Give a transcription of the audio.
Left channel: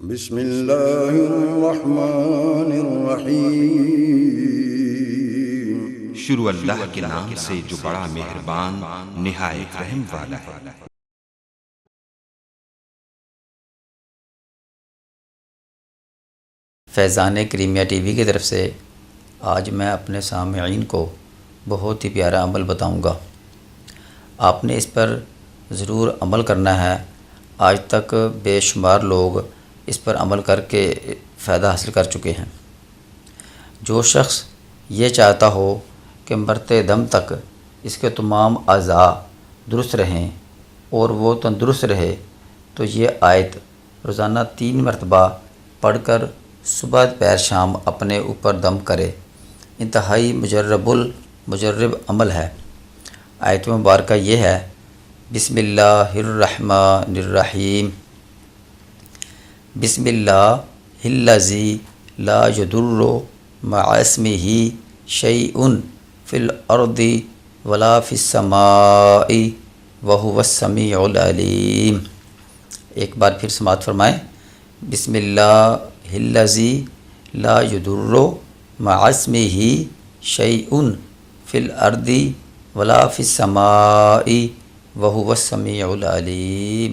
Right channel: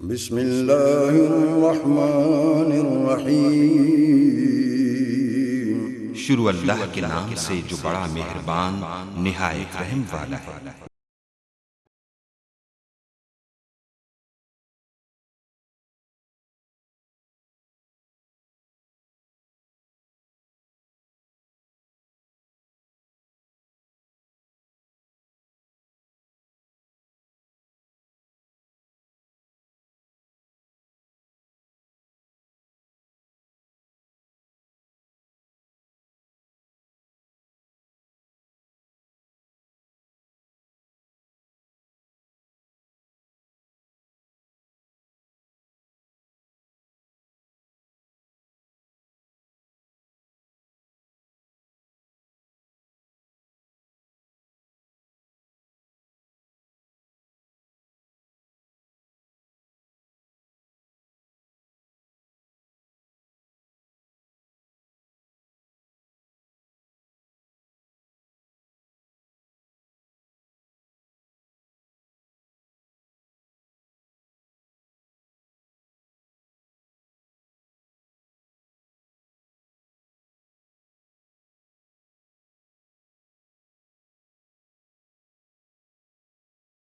بسم اللہ الرحمن الرحیم۔ شروع اللہ کے نام سے جو بڑا مہربان نہایت رحم والا ہے۔ فیضان کریمیہ ٹی وی کی طرف سے آج میں اپنے سامعین کو بہت ہی پیارا عمل بتاؤں گا۔ آپ نے اس پر ضرور عمل کرنا ہے۔ آج تک بے شمار لوگ اس پر عمل کر کے فائدہ حاصل کر چکے ہیں۔ جو شخص یہ چاہتا ہو کہ مرتے دم تک اس کے تمام اعضاء درست رہیں اور وہ تندرست رہے تو یہ آیت روزانہ 3 مرتبہ پڑھ کر صبح دوپہر شام اپنے اوپر دم کرے۔ انتہائی مجرب عمل ہے۔ آیت مبارکہ یہ ہے: بسم اللہ الرحمن الرحیم، بسم اللہ الذی لا یضر مع اسمہ شیء فی الارض ولا فی السماء وہو السمیع العلیم۔ ایک بار پھر سماعت فرمائیں۔ بسم اللہ الذی لا یضر مع اسمہ شیء فی الارض ولا فی السماء وہو السمیع العلیم۔